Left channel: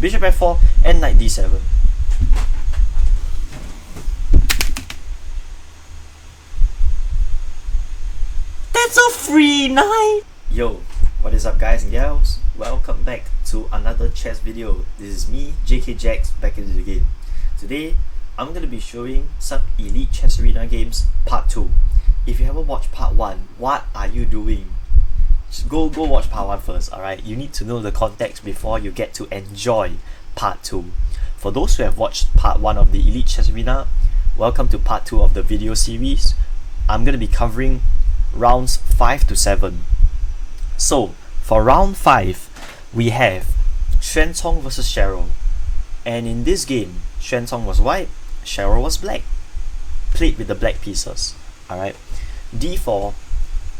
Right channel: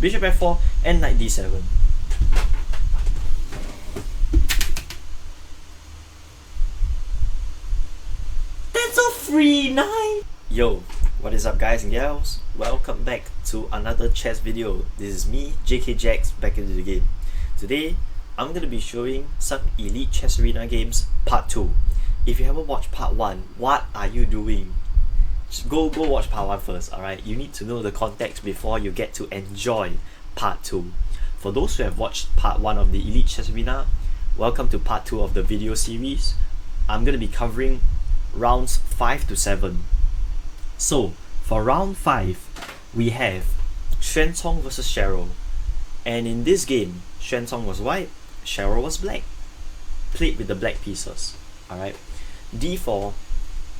bishop f4, and knight d7. That's a free knight! Yo, what is up guys and gals? Welcome back to another chess video. This is me, JK Jax, back into the game. Today, I'm going to be showing some Elite Chess Arena games part 2. If you haven't watched part 1, what are you doing? Just go watch part 1 first, alright? You need to know the context before you get to enjoy part 2. For those who have watched part 1 of the Elite Chess Arena, welcome to part 2 of the video series. I'm going to be covering rounds 5 to 7. So, for round 5, we have Xuan versus Cheryl. And in this game, Xuan was white, Cheryl was black. Played with the black pieces. Alright. D4,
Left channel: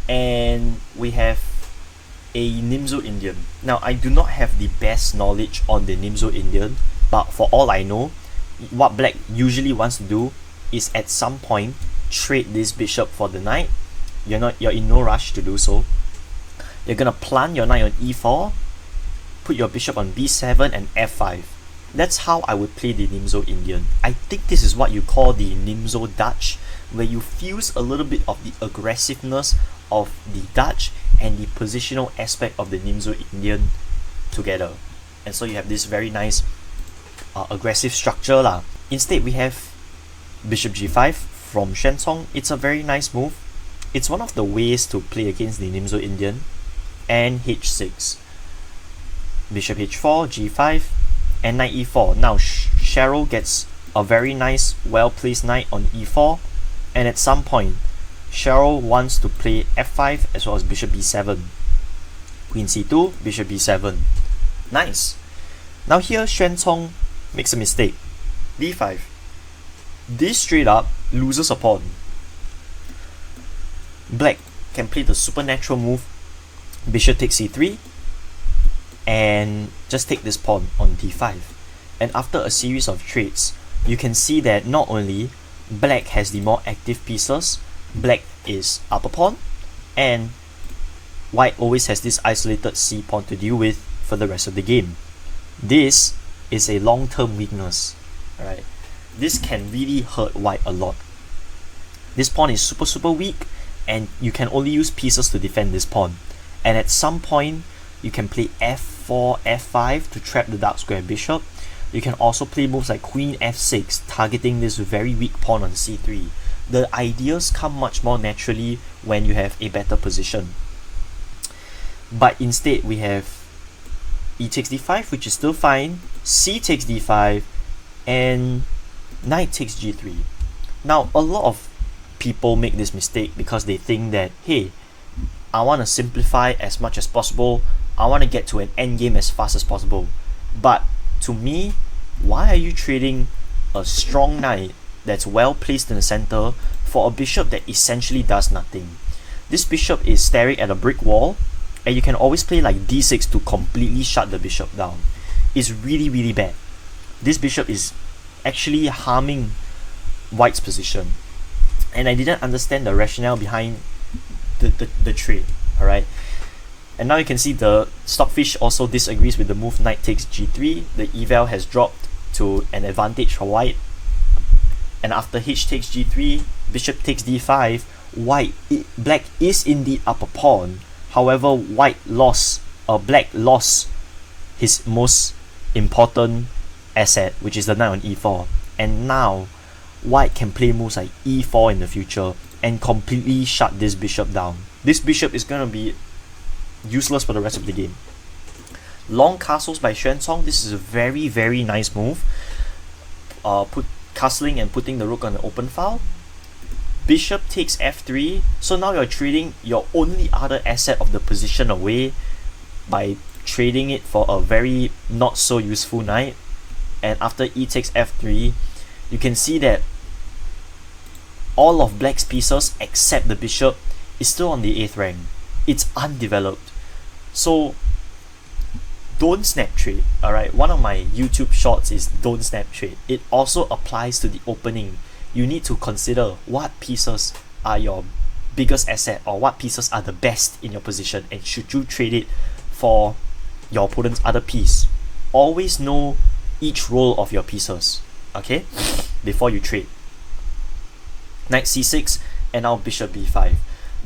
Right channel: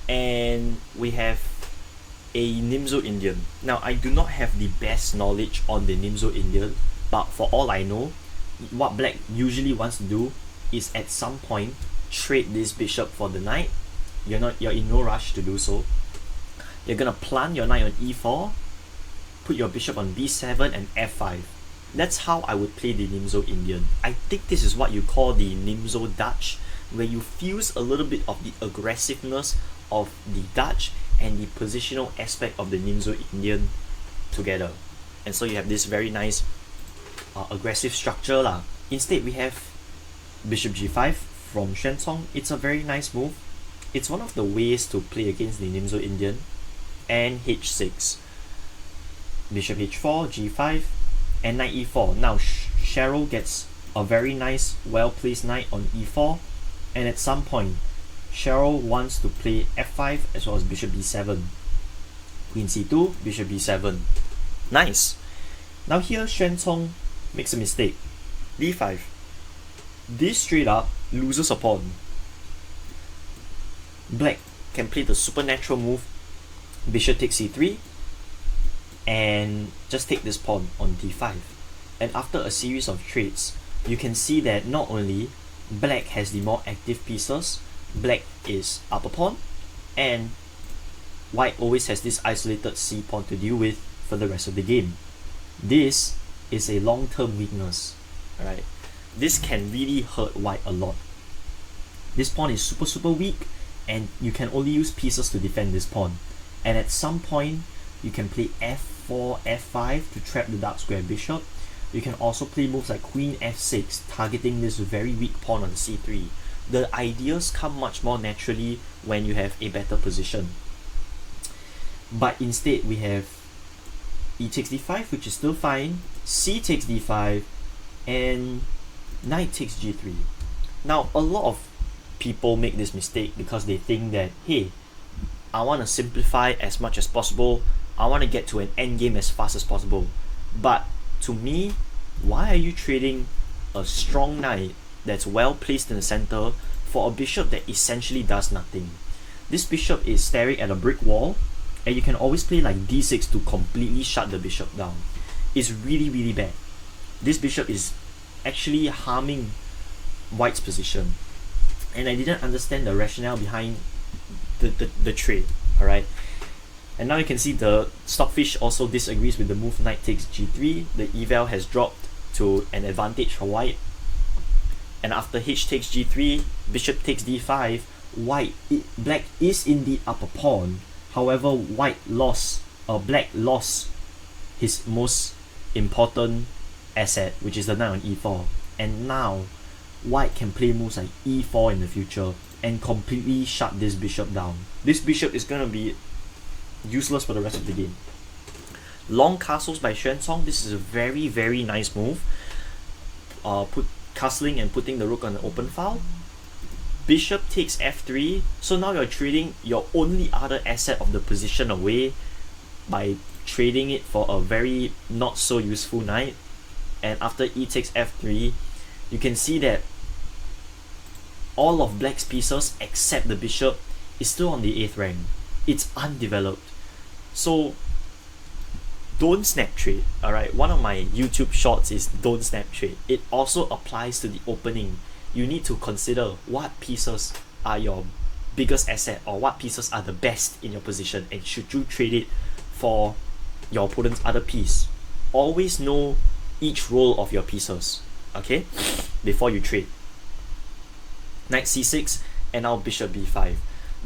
and we have a Nimzo Indian. Now, I do not have the best knowledge on the Nimzo Indian, but for all I know, what black usually wants to do is at some point trade this bishop for the knight. You're in no rush to do so. You're gonna plant your knight on e4, put your bishop on b7 and f5. That's how I would play the Nimzo Indian. I think this is what you call the Nimzo Dutch, where you fuse a little bit of the aggressiveness of the Dutch and the positional aspect of the Nimzo Indian together. And so you have this very nice aggressive structure lah. Instead, we have bishop g5 from Xuan. It's a very nice move. It's one of the ways to play against the Nimzo Indian. And h6. Bishop h4, g5, and knight e4. Now Cheryl gets a very nice, well-placed knight on e4, and at some point, Cheryl wants to play f5 as well as bishop b7. Queen c2, bishop b7. Nice. Now here, Xuan makes a mistake. d5. This straight up loses a pawn. Black can play the supernatural move, bishop takes c3, and just take this pawn on d5. And after a series of trades, you can see that not only black has the more active pieces, black is upper pawn, and white always has this isolated c pawn to deal with for the rest of the game. This is a long-term weakness. Alright, this can really hurt white a lot. This pawn is super weak, and you can only use pieces to defend this pawn. And at some point, you can play f4, f5 to trap the dark square bishop. You can also play moves like queen f6, targeting this very weak pawn on c3. The ideas come much more naturally when you have a better position. But instead, we have e takes d5, which is still fine, c takes d5, and knight takes g3. Now, a lot of people make this mistake because they think that, hey, I want to simplify as much as possible, I want to get to an endgame as fast as possible. But to me, why are you trading a strong knight that's well placed in the center for a bishop that essentially does nothing? This bishop is staring at a brick wall, and you can always play like d6 to completely shut the bishop down. It's really bad. This bishop is actually harming white's position. And I didn't understand the rationale behind the trade, alright? And now you can see the Stockfish also disagrees with the move knight takes g3. The eval has dropped to an advantage for white. And after h takes g3, bishop takes d5, black is indeed upper pawn. However, black lost his most important asset, which is the knight on e4. And now, white can play moves like e4 in the future and completely shut this bishop down. This bishop is going to be useless for the rest of the game. Long castles by Xuan. This is a very nice move. Castling and putting the rook on the open file. Bishop takes f3. So now you're trading your only other asset of the position away by trading it for a very not so useful knight. And after e takes f3, you can see that all of black's pieces except the bishop is still on the 8th rank. It's undeveloped. So don't snap trade. Alright, one of my YouTube shorts is don't snap trade. It also applies to the opening. You need to consider what pieces are your biggest asset or what pieces are the best in your position, and should you trade it for your opponent's other piece. always know each role of your pieces, okay, before you trade. Knight c6, and now bishop b5.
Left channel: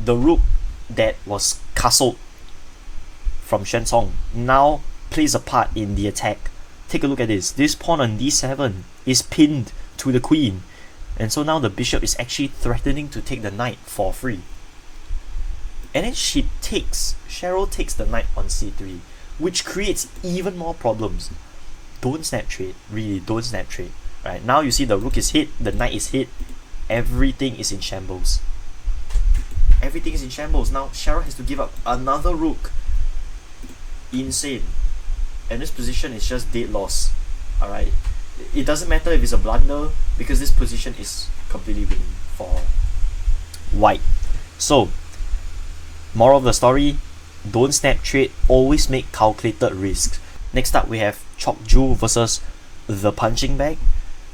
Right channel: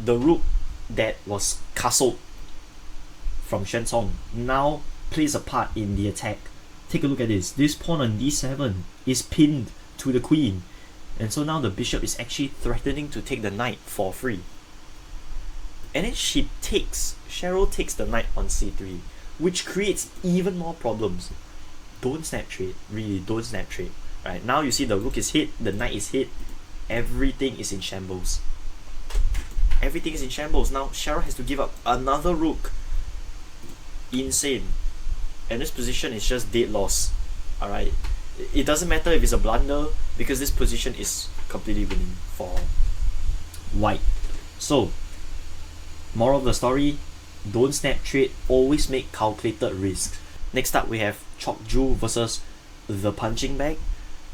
The rook that was castled from Xuanzong now plays a part in the attack. Take a look at this. This pawn on d7 is pinned to the queen, and so now the bishop is actually threatening to take the knight for free. And then Cheryl takes the knight on c3, which creates even more problems. Don't snap trade, really, don't snap trade. Right, now you see the rook is hit, the knight is hit, everything is in shambles. Everything is in shambles. Now Cheryl has to give up another rook. Insane. And this position is just dead loss. Alright, it doesn't matter if it's a blunder, because this position is completely winning for white. So, moral of the story, don't snap trade, always make calculated risks. Next up we have Chokju versus the punching bag.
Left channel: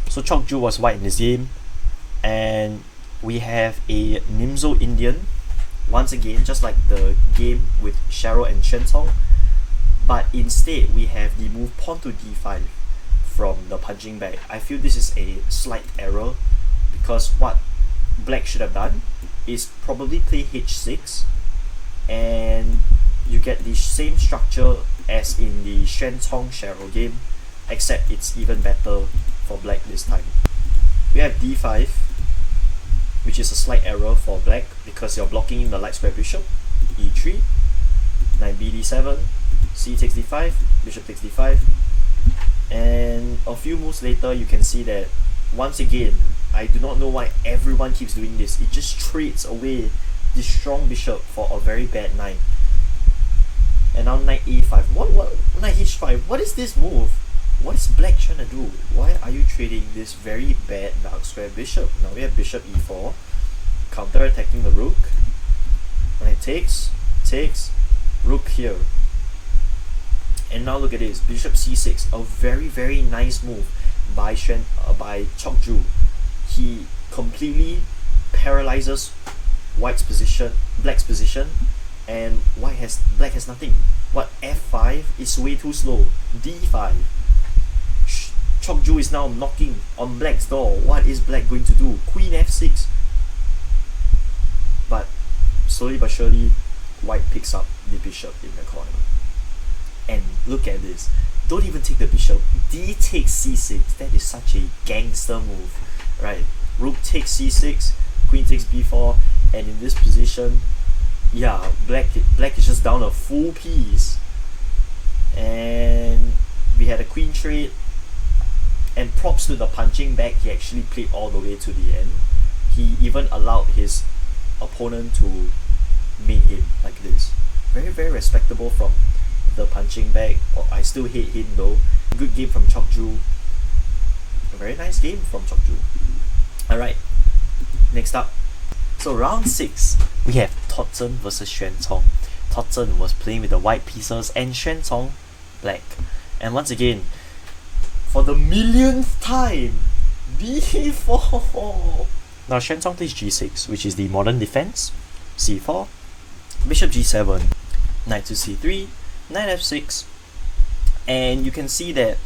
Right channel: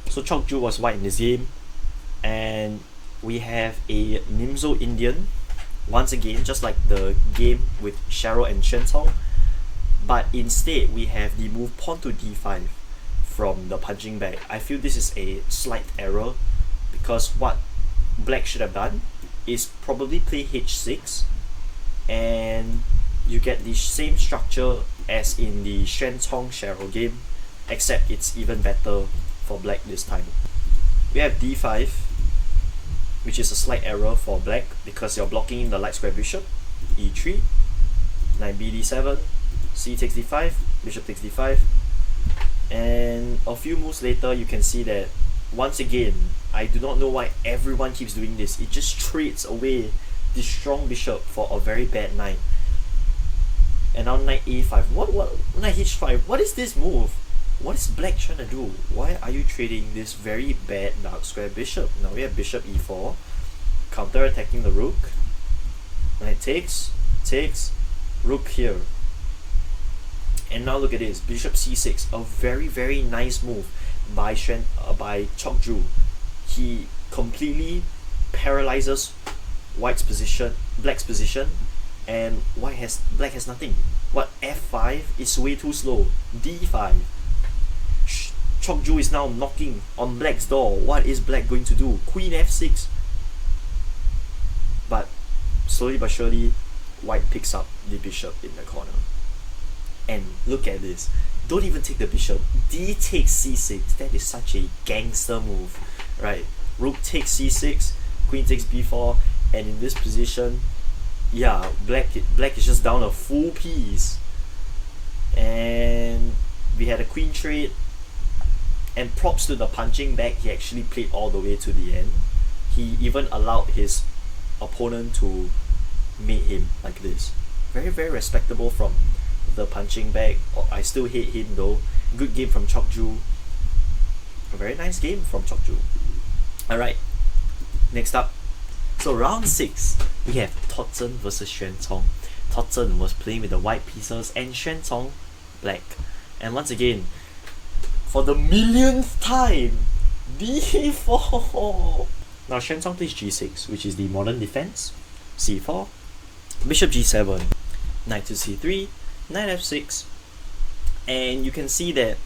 So Chokju was white in this game, and we have a Nimzo Indian, once again just like the game with Cheryl and Xuanzong, but instead we have the move pawn to d5 from the punching bag. I feel this is a slight error, because what black should have done is probably play h6, and you get the same structure as in the Xuanzong Cheryl game, except it's even better for black this time. We have d5, which is a slight error for black because you're blocking the light square bishop. e3, knight bd7, c takes d5, bishop takes d5, and a few moves later you can see that once again, I do not know why everyone keeps doing this. It just trades away the strong bishop for a very bad knight. And now knight a5. What knight h5? What is this move? What is black trying to do? Why are you trading this very bad dark square bishop? Now we have bishop e4, counter attacking the rook. Knight takes, rook here. And now look at this, bishop c6, a very nice move by Chokju. He completely paralyzes black's position, and black has nothing. What, f5 is way too slow. d5. Chokju is now knocking on black's door. What is black going to do? Queen f6. But slowly but surely, white picks up the bishop in the corner. And look at this. Don't even take the bishop. D takes c6. That is such a gangster move, right? Rook takes c6, queen takes b4, and in this position, yeah, black is just down a full piece. And we had a queen trade, and props to the punching bag, he actually played all the way to the end. He even allowed his opponent to mate him like this. Very respectable from the punching bag. I still hate him though. Good game from Chokju. A very nice game from Chokju. Alright, next up. So round 6, we have Toddson versus Xuanzong. Toddson was playing with the white pieces and Xuanzong black. And once again, for the millionth time, d4. Now Xuanzong plays g6, which is the modern defense. c4, bishop g7, knight to c3, knight f6, and you can see that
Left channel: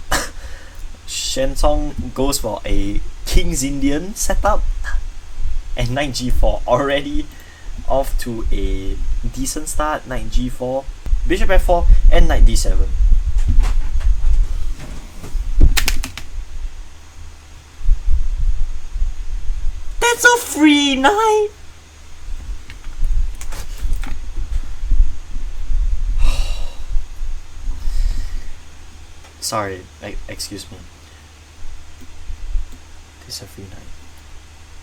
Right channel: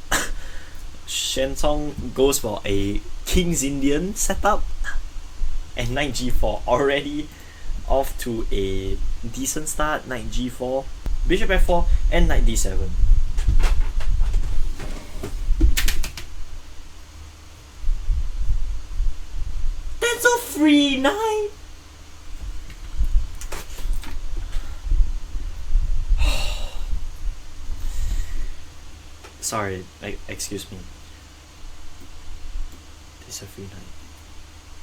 Xuanzong goes for a King's Indian setup, and knight g4 already off to a decent start. Knight g4, bishop f4, and knight d7. That's a free knight! Sorry, excuse me. This is a free knight.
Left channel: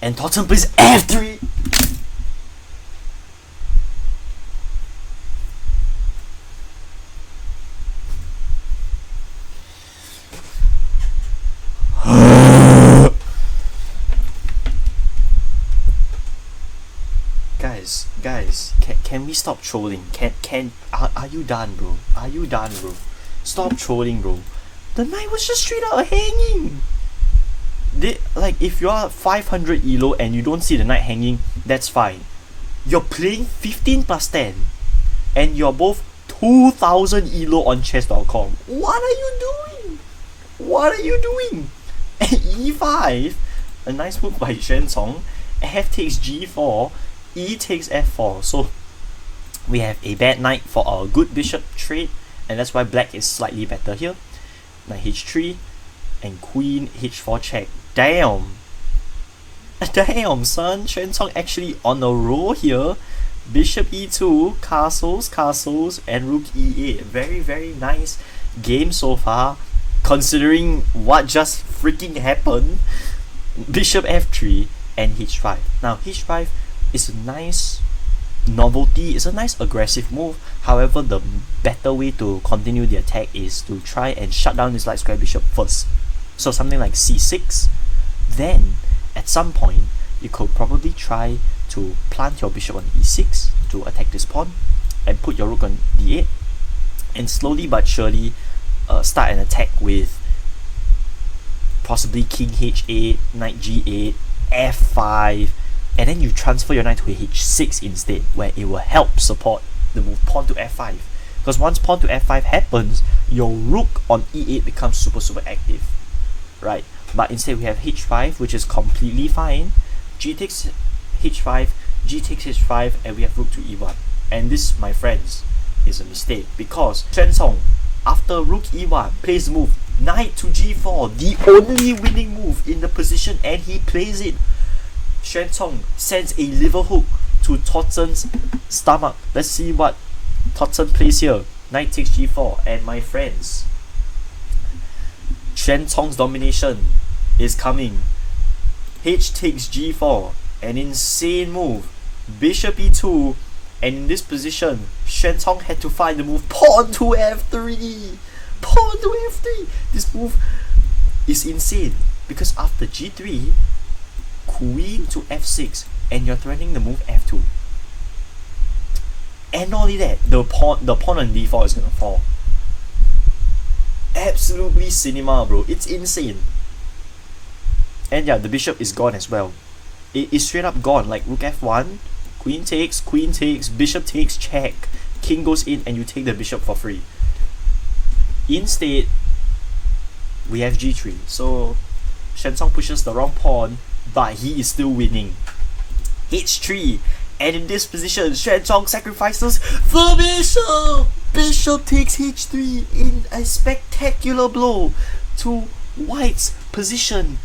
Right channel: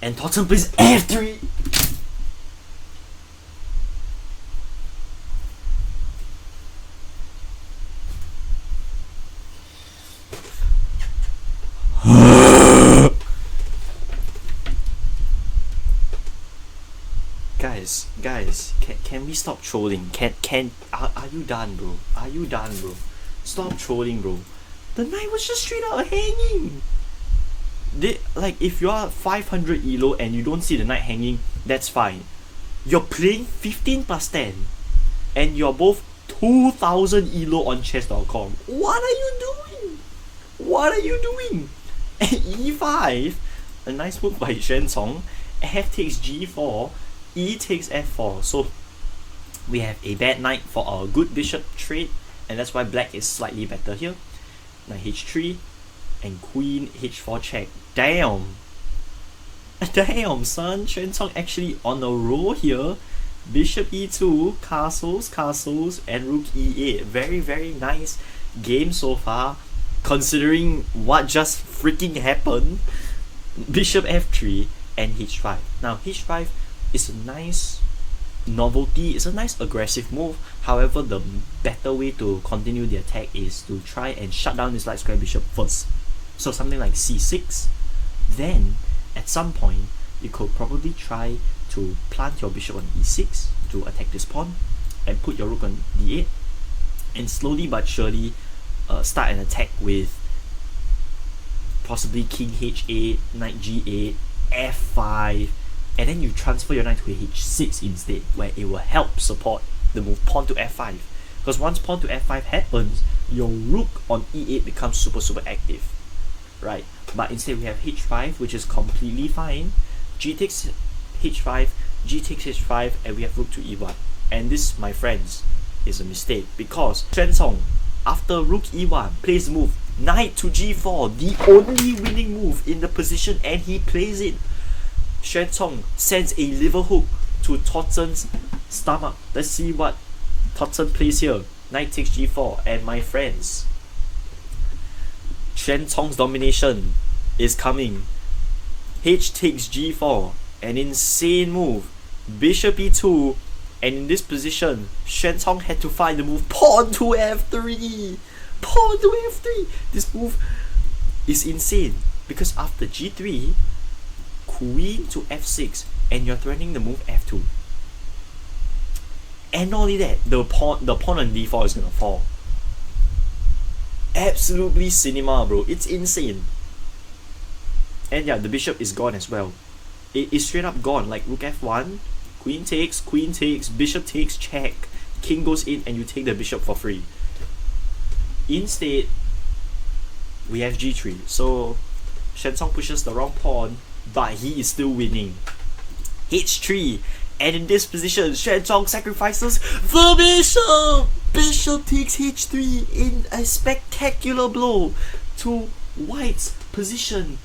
And Toddson plays f3! Guys, can we stop trolling? Are you done, bro? Are you done, bro? Stop trolling, bro. The knight was just straight out hanging. Like, if you are 500 elo and you don't see the knight hanging, that's fine. You're playing 15 plus 10, and you're both 2000 elo on chess.com. What are you doing? What are you doing? E5. A nice move by Xuanzong. F takes G4. E takes F4. So we have a bad knight for our good bishop trade, and that's why black is slightly better here. Knight H3 and queen H4 check. Damn. Damn, son. Xuanzong actually on a roll here. Bishop E2, castles, and rook E8. Very, very nice game so far, considering what just freaking happened. Bishop F3 and H5. Now, H5 is a nice novelty, it's a nice aggressive move. However, the better way to continue the attack is to try and shut down this light square bishop first. So something like C6. Then, at some point, you could probably try to plant your bishop on E6 to attack this pawn, and put your rook on D8, and slowly but surely start an attack with possibly king H8, knight G8, F5, and then you transfer your knight to H6 instead, where it will help support the move pawn to F5. Because once pawn to F5 happens, your rook on E8 becomes super active, right? But instead we have H5, which is completely fine. G takes H5, G takes H5, and we have rook to E1. And this, my friends, is a mistake, because Xuanzong, after rook E1, plays the move knight to G4, the only winning move in the position, and he plays it. Xuanzong sends a liver hook to Toddson's stomach. Let's see what Toddson plays here. Knight takes G4, and my friends, Xuanzong's domination is coming. H takes G4, an insane move. Bishop E2, and in this position, Xuanzong had to find the move pawn to F3. Pawn to F3. This move is insane, because after G3, queen to F6, and you're threatening the move F2. And not only that, the pawn on D4 is gonna fall. Absolutely cinema, bro. It's insane. And yeah, the bishop is gone as well. It is straight up gone. Like rook F1, queen takes, bishop takes, check, king goes in, and you take the bishop for free. Instead, we have G3. So Xuanzong pushes the wrong pawn, but he is still winning. H3, and in this position, Xuanzong sacrifices the bishop. Bishop takes H3 in a spectacular blow to White's position.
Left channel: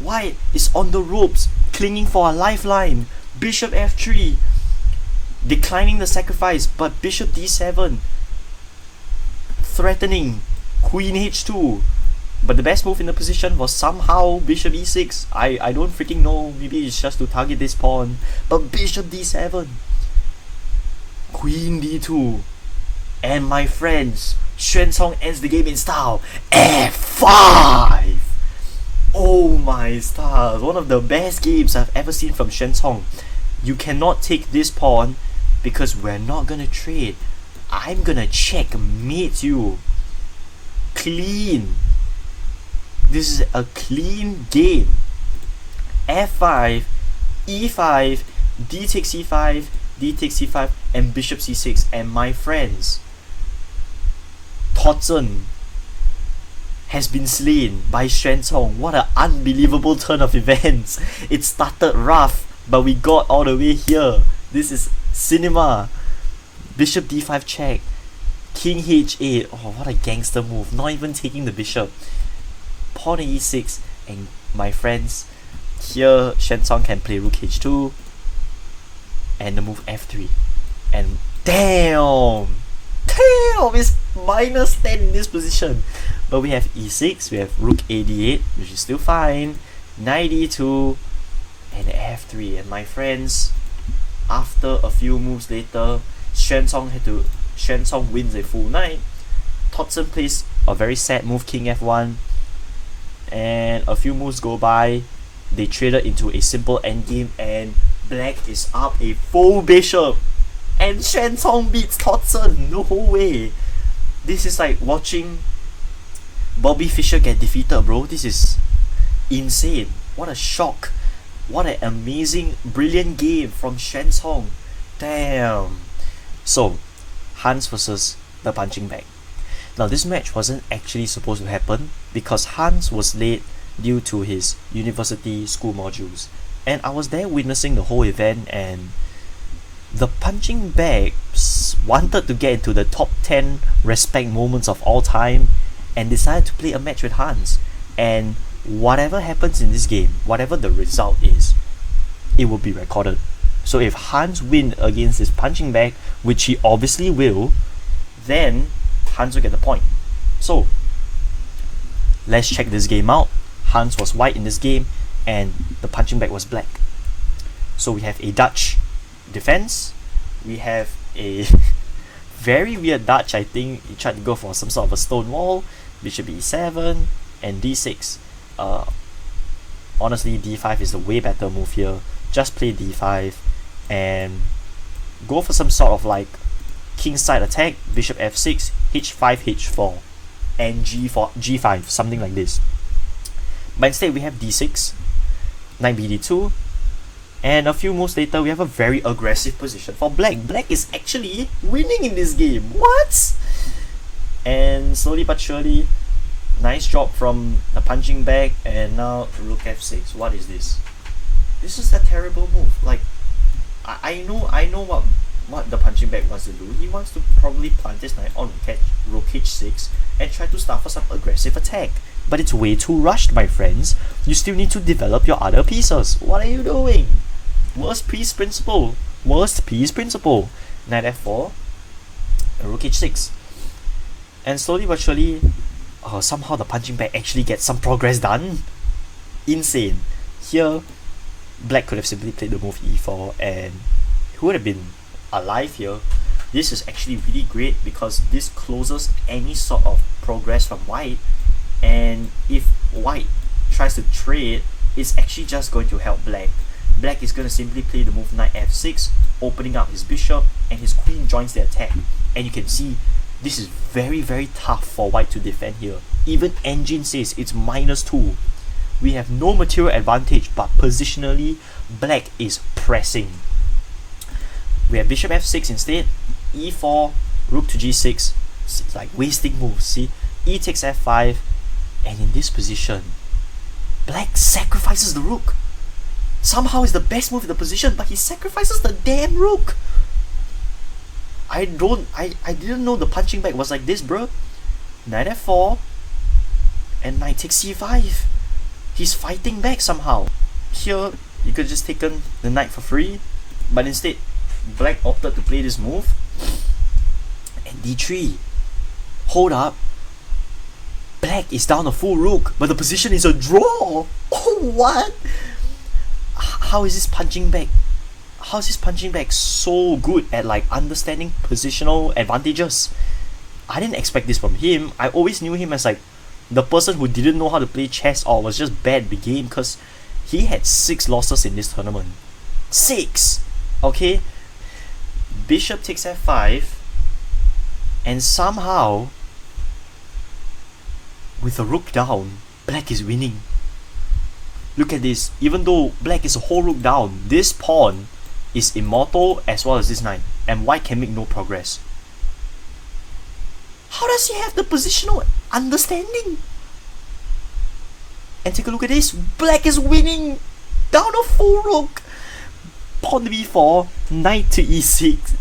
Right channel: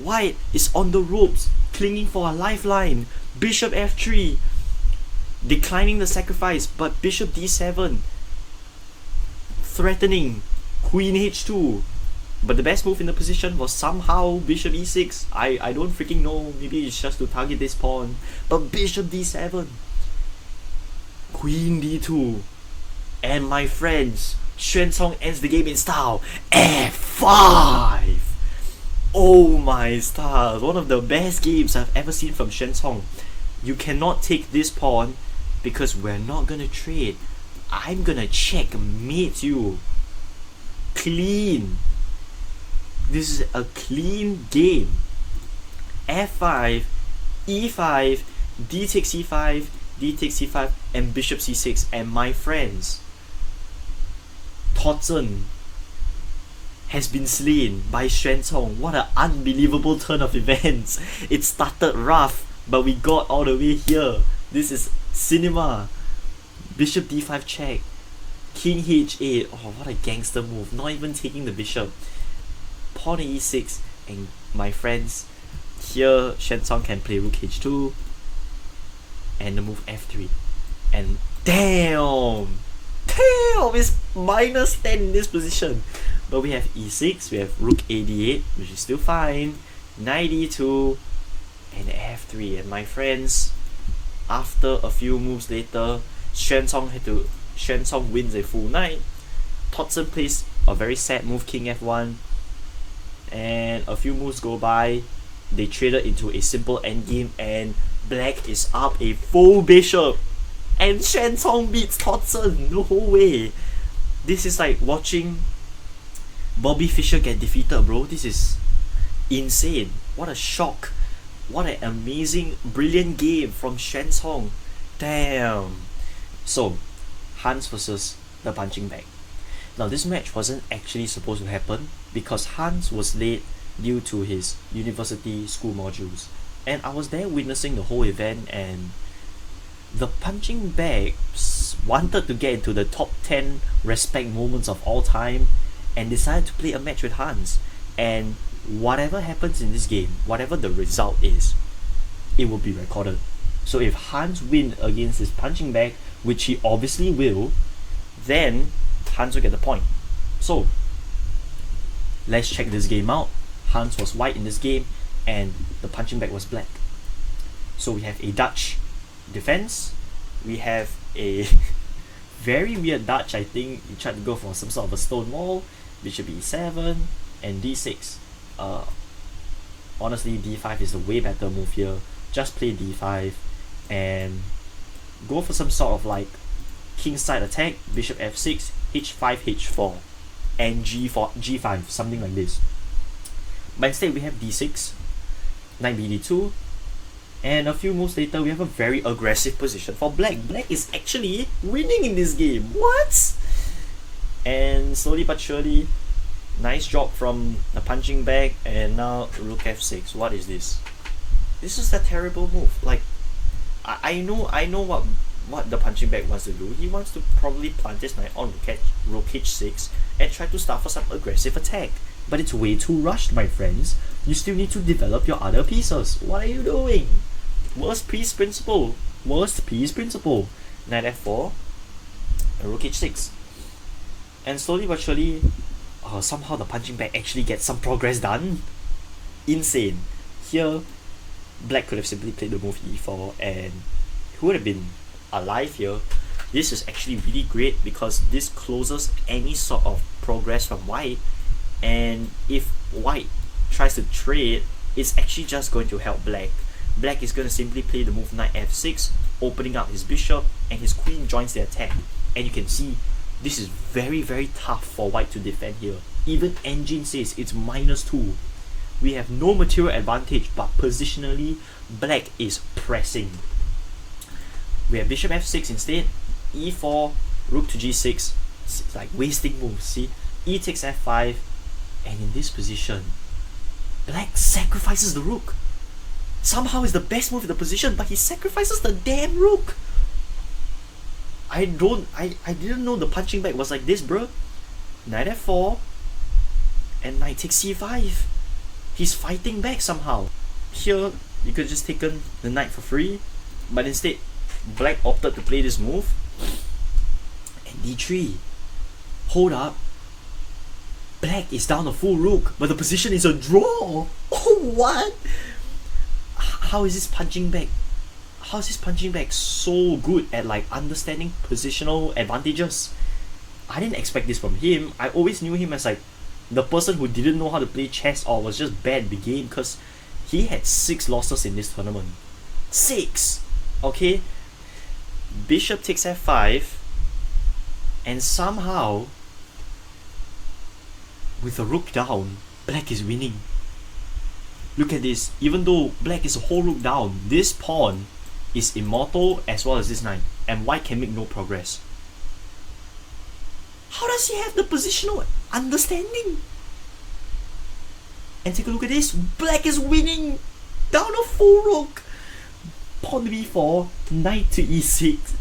White is on the ropes, clinging for a lifeline. Bishop F3, declining the sacrifice, but Bishop D7, threatening Queen H2. But the best move in the position was somehow Bishop E6. I don't freaking know, maybe it's just to target this pawn. But Bishop D7, Queen D2, and my friends, Xuanzong ends the game in style. F5! Oh my stars, one of the best games I've ever seen from Xuanzong. You cannot take this pawn because we're not gonna trade. I'm gonna checkmate you. Clean. This is a clean game. F5, E5, D takes C5, D takes C5, and Bishop C6. And my friends, Toddson has been slain by Xuanzong. What an unbelievable turn of events. It started rough, but we got all the way here. This is cinema. Bishop D5 check. King H8. Oh, what a gangster move. Not even taking the bishop. Pawn E6. And my friends, here Xuanzong can play rook H2. And the move F3. And damn! Damn! It's minus 10 in this position. But we have E6, we have rook A8, which is still fine, knight E2, and F3. And my friends, after a few moves later, Xuanzong wins a full knight. Toddson plays a very sad move, king F1, and a few moves go by, they traded into a simple endgame, and black is up a full bishop, and Xuanzong beats Toddson. No way. This is like watching Bobby Fischer get defeated, bro. This is insane. What a shock. What an amazing, brilliant game from Xuanzong. Damn. So, Hans versus the punching bag. Now this match wasn't actually supposed to happen because Hans was late due to his university school modules, and I was there witnessing the whole event, and the punching bags wanted to get into the top 10 respect moments of all time and decided to play a match with Hans. And whatever happens in this game, whatever the result is, it will be recorded. So if Hans wins against this punching bag, which he obviously will, then Hans will get the point. So let's check this game out. Hans was white in this game and the punching bag was black. So we have a Dutch defense. We have a very weird Dutch. I think he tried to go for some sort of a stone wall. Bishop e7 and d6. Honestly, d5 is the way better move here. Just play d5 and go for some sort of like kingside attack. Bishop f6, h5, h4, and g5, something like this. But instead we have d6, knight bd2, and a few moves later we have a very aggressive position for black. Black is actually winning in this game. What? And slowly but surely, nice drop from the punching bag, and now rook f6. What is this? This is a terrible move. Like, I know what the punching bag wants to do. He wants to probably plant his knight on rook h6 and try to start for some aggressive attack. But it's way too rushed, my friends. You still need to develop your other pieces. What are you doing? Worst piece principle. Worst piece principle. Knight f4 and rook h6. And slowly but surely, somehow the punching bag actually gets some progress done. Insane. Here, black could have simply played the move e4 and he would have been alive here. This is actually really great because this closes any sort of progress from white, and if white tries to trade, it's actually just going to help black. Black is going to simply play the move knight f6, opening up his bishop, and his queen joins the attack. And you can see this is very, very tough for white to defend here. Even engine says it's -2. We have no material advantage, but positionally, black is pressing. We have bishop f6 instead, e4, rook to g6. It's like wasting moves, see? E takes f5, and in this position, black sacrifices the rook. Somehow it's the best move in the position, but he sacrifices the damn rook. I didn't know the punching bag was like this, bro. Knight f4, and knight takes c5. He's fighting back somehow. Here, you could just taken the knight for free, but instead, black opted to play this move. And d3. Hold up. Black is down a full rook, but the position is a draw. Oh, what? How is this punching bag? How is this punching bag so good at like understanding positional advantages? I didn't expect this from him. I always knew him as like the person who didn't know how to play chess or was just bad at the game, because he had 6 losses in this tournament. 6! Okay? Bishop takes f5, and somehow, with the rook down, black is winning. Look at this. Even though black is a whole rook down, this pawn is immortal as well as this knight, and white can make no progress. How does he have the positional understanding? And take a look at this. Black is winning. Down a full rook. Pawn to b4, knight to e6.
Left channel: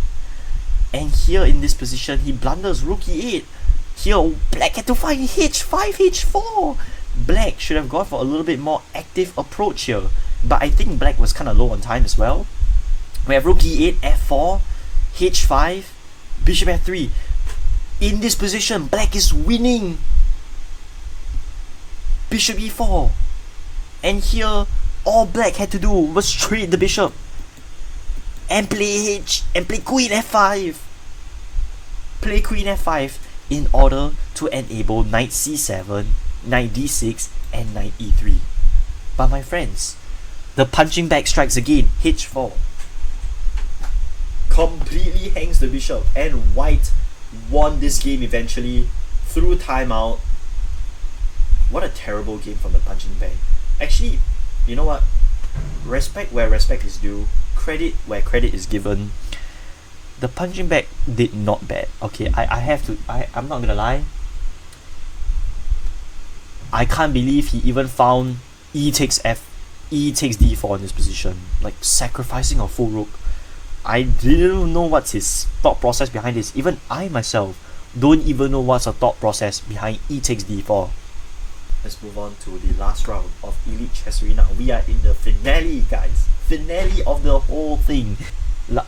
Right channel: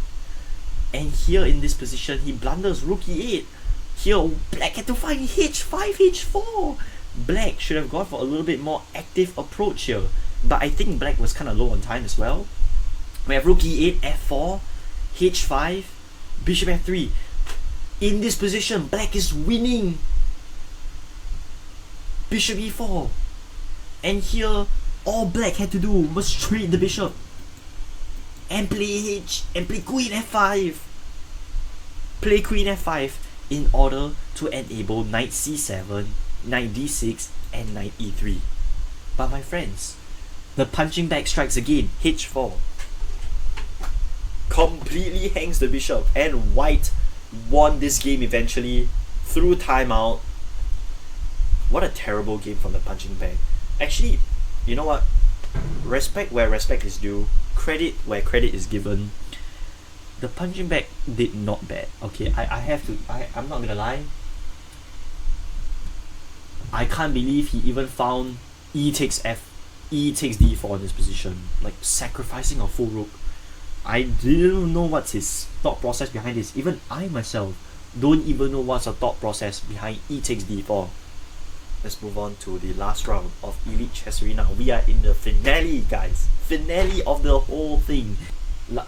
And here in this position, he blunders rook e8. Here, black had to find h5, h4. Black should have gone for a little bit more active approach here. But I think black was kind of low on time as well. We have rook e8, f4, h5, bishop f3. In this position, black is winning. Bishop e4. And here, all black had to do was trade the bishop and play queen f5. Play queen f5 in order to enable knight c7, knight d6, and knight e3. But my friends, the punching bag strikes again, h4. Completely hangs the bishop, and white won this game eventually through timeout. What a terrible game from the punching bag. Actually, you know what? Respect where respect is due. Credit where credit is given. The punching bag did not bad. Okay, I'm not gonna lie. I can't believe he even found e takes d4 in this position, like sacrificing a full rook. I didn't know what's his thought process behind this. Even I myself don't even know what's the thought process behind e takes d4. Let's move on to the last round of Elite Chess Arena. We are in the finale, guys. Finale of the whole thing.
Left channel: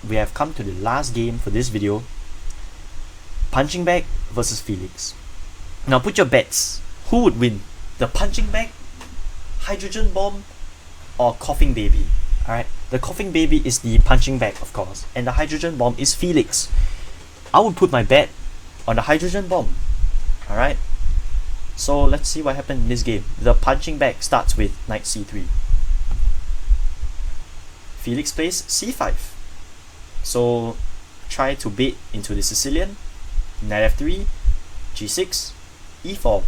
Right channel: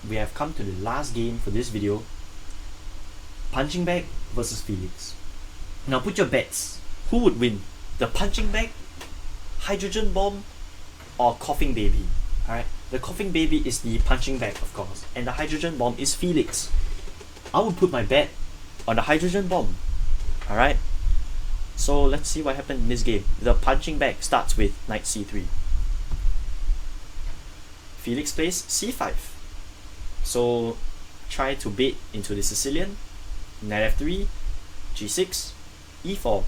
We have come to the last game for this video. Punching Bag versus Felix. Now put your bets. Who would win? The Punching Bag, Hydrogen Bomb, or Coughing Baby? Alright, the Coughing Baby is the Punching Bag, of course, and the Hydrogen Bomb is Felix. I would put my bet on the Hydrogen Bomb. Alright, so let's see what happened in this game. The Punching Bag starts with Knight c3. Felix plays c5. So try to bait into the Sicilian. Knight f3, g6, e4,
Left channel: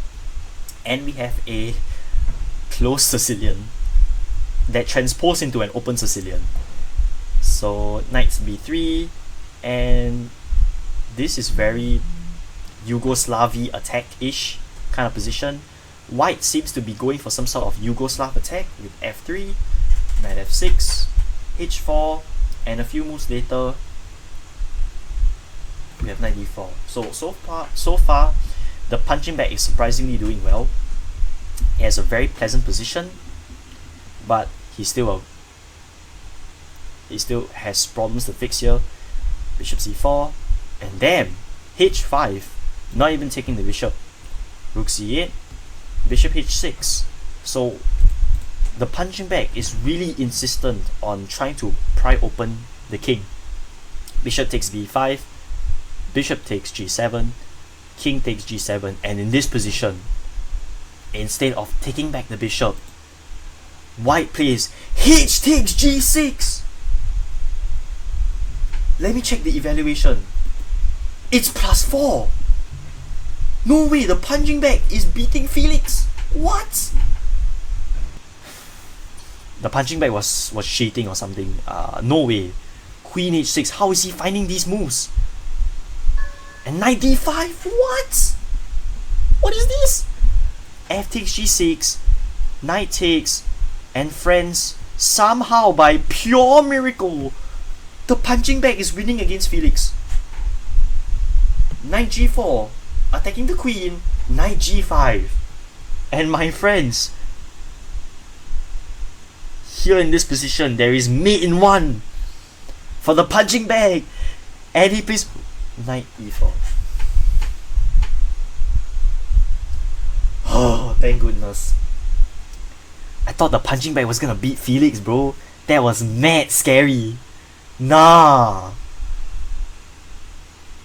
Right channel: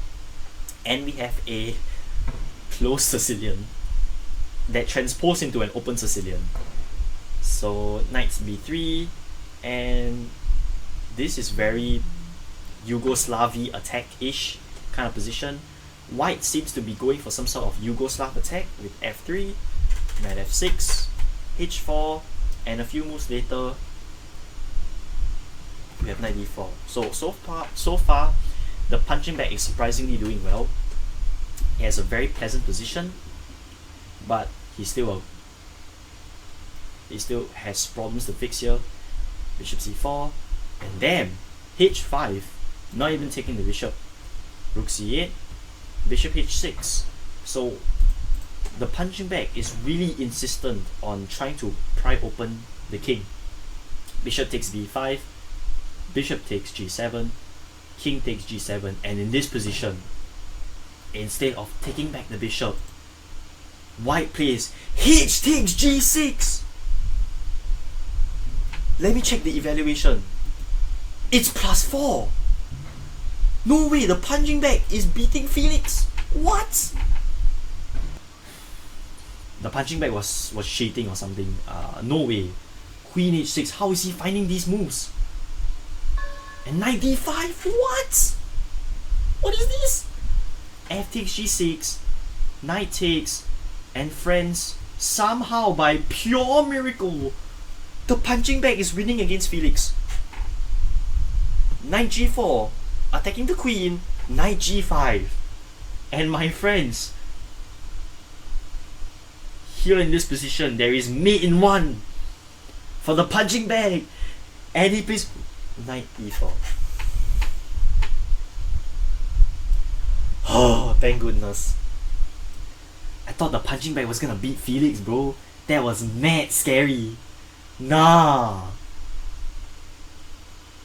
and we have a closed Sicilian that transposed into an open Sicilian. So knights b3, and this is very Yugoslav attack-ish kind of position. White seems to be going for some sort of Yugoslav attack with f3, knight f6, h4, and a few moves later we have knight d4. So far the Punching Bag is surprisingly doing well. He has a very pleasant position, but he still has problems to fix here. Bishop c4, and damn, h5, not even taking the bishop. Rook c8, bishop h6. So the Punching Bag is really insistent on trying to pry open the king. Bishop takes b5, bishop takes g7, king takes g7, and in this position, instead of taking back the bishop, White plays h takes g6. Let me check the evaluation. It's +4. No way, the Punching Bag is beating Felix. What? The Punching Bag was cheating or something. No way. Queen h6. How is he finding these moves? And knight d5. What? What is this? F takes g6. Knight takes. And friends, somehow by pure miracle, the Punching Bag is winning against Felix. Knight g4. Attacking the queen. Knight g5. And my friends, here in this position, there is mate in one for the Punching Bag, and he plays knight e4. Oh, thank goodness. I thought the Punching Bag was gonna beat Felix, bro. That was mad scary. Nah.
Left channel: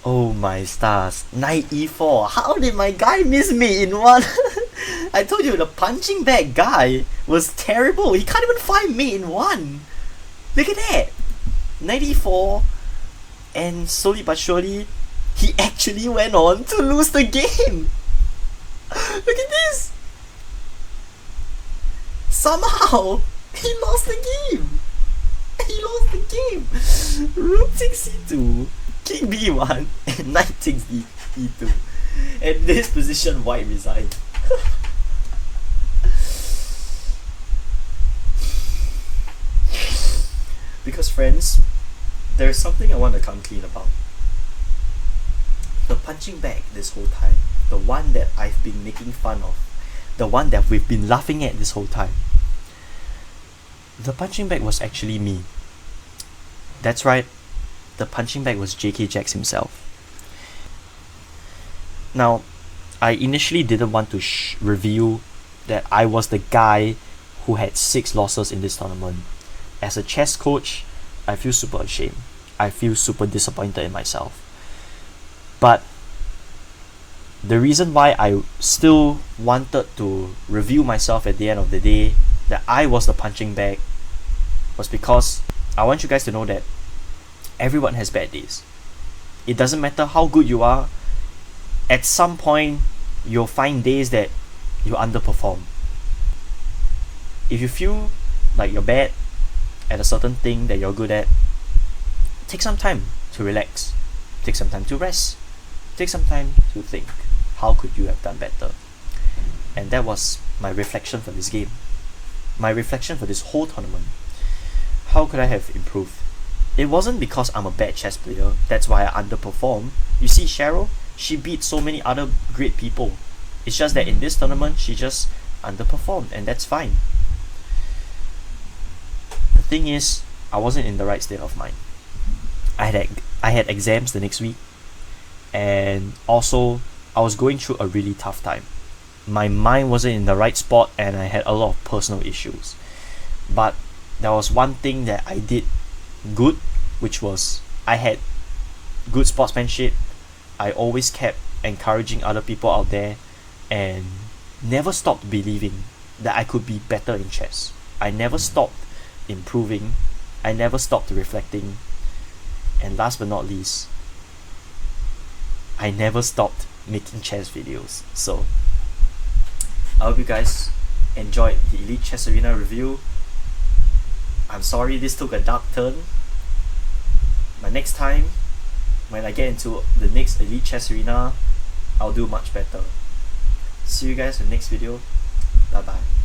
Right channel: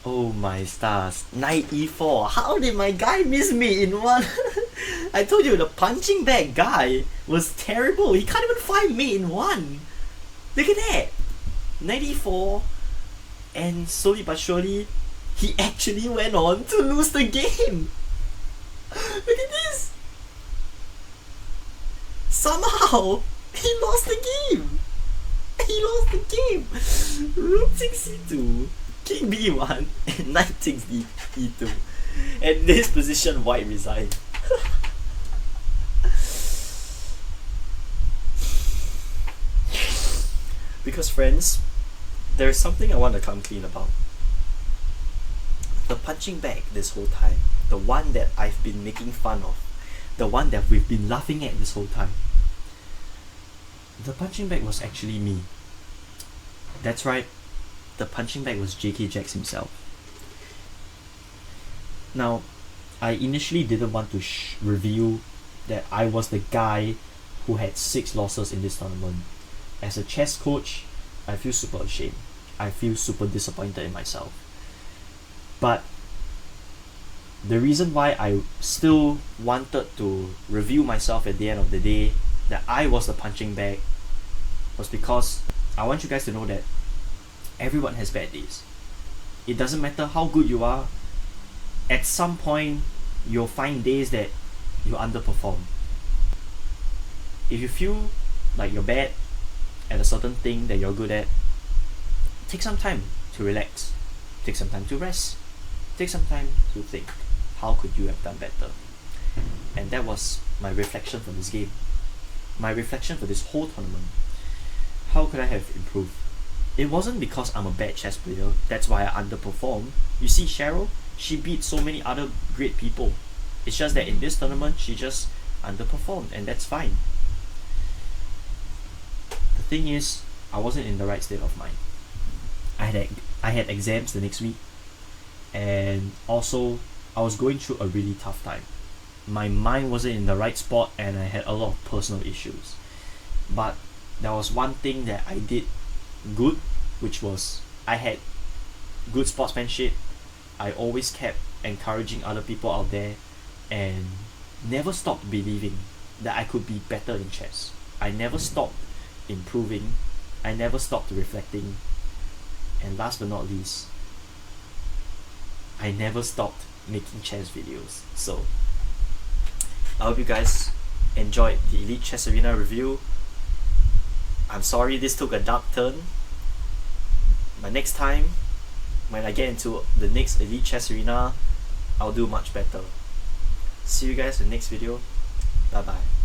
Oh my stars. Knight e4. How did my guy miss mate in one? I told you the Punching Bag guy was terrible. He can't even find mate in one. Look at that. Knight e4. And slowly but surely, he actually went on to lose the game. Look at this. Somehow, he lost the game. He lost the game. Rook takes c2, king b1, and knight takes e2. And this position, White resigned. Because friends, there is something I want to come clean about. The Punching Bag this whole time, the one that I've been making fun of, the one that we've been laughing at this whole time, the Punching Bag was actually me. That's right, the Punching Bag was JK Jax himself. Now, I initially didn't want to reveal that I was the guy who had 6 losses in this tournament. As a chess coach, I feel super ashamed. I feel super disappointed in myself. But the reason why I still wanted to reveal myself at the end of the day that I was the Punching Bag was because I want you guys to know that everyone has bad days. It doesn't matter how good you are, at some point you'll find days that you underperform. If you feel like you're bad at a certain thing that you're good at, take some time to relax, take some time to rest, take some time to think, how could you have done better? And that was my reflection for this game. My reflection for this whole tournament. How could I have improved? It wasn't because I'm a bad chess player, that's why I underperformed. You see Cheryl, she beat so many other great people. It's just that in this tournament, she just underperformed, and that's fine. The thing is, I wasn't in the right state of mind. I had exams the next week, and also I was going through a really tough time. My mind wasn't in the right spot, and I had a lot of personal issues. But there was one thing that I did good, which was I had good sportsmanship. I always kept encouraging other people out there and never stopped believing that I could be better in chess. I never stopped improving. I never stopped reflecting. And last but not least, I never stopped making chess videos. So I hope you guys enjoyed the Elite Chess Arena review. I'm sorry this took a dark turn, but next time when I get into the next Elite Chess Arena, I'll do much better. See you guys in the next video. Bye bye.